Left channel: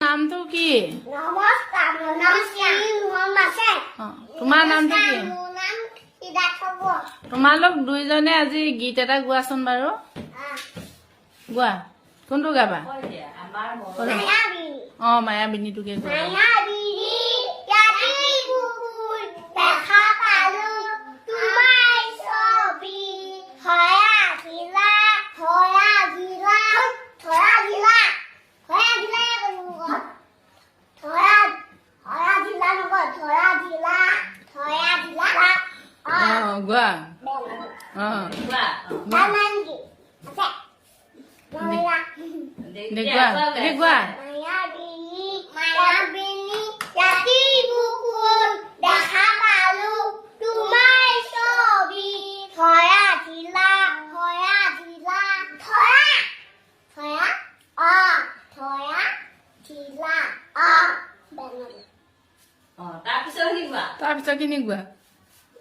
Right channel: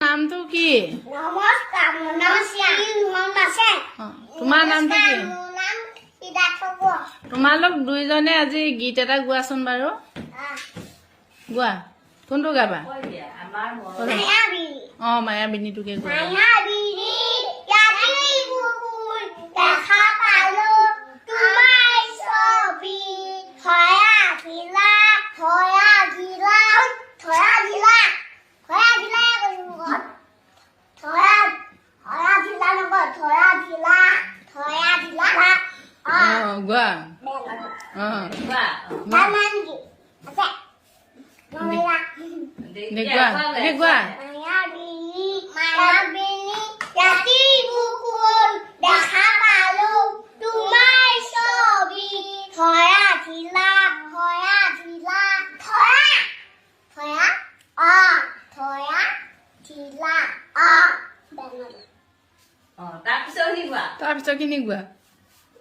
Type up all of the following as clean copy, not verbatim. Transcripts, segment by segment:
নামটো কি? নমস্কাৰ, মোৰ নাম শ্ৰী হুমন আছে। তোমাৰ নামটো কি? মোৰ নাম সিদ্ধাৰ্থ। তোমালোক দুইজনে আজি গীত এটা গোৱাচোন বাৰু। গোৱা, কোনটো গাবা? মায়াবিনীটোকে গোৱা। মায়াবিনী ৰাতি বুকুৰ দেখা পালোঁ তোমাৰ ছবি, ধৰা ধিলা ধৰা ধিলা ধৰা ধিলা ধৰা ধিলা ধৰা ধৰা ধিলা নকয় ধৰা ধিলা ধৰা ধিলা গোৱা। গোৱা। মায়াবিনী ৰাতি বুকুৰ দেখা পালোঁ তোমাৰ ছবি, ধৰা ধিলা ধৰা ধিলা ধৰা ধৰা ধৰা ধিলা তাৰপিছত খিনি গোৱা।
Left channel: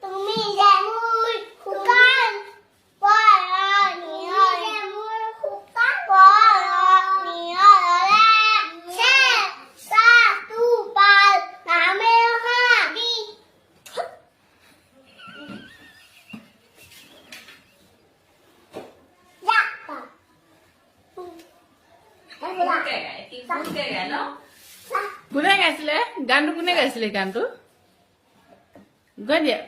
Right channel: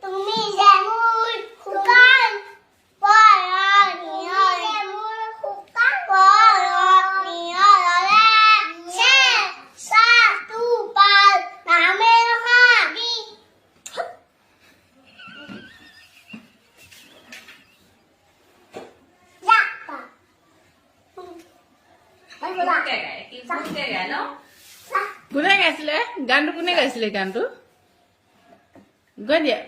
তুমি যে মোৰ শুকান পৰণিয়ৰে মোৰ শুকান পৰণিয়ৰে চেঁচাটো পাল নামে হাবি কোনে গাইছিলে গানটো? কোনে গাইছিলে গানটো? গৈ দিয়া।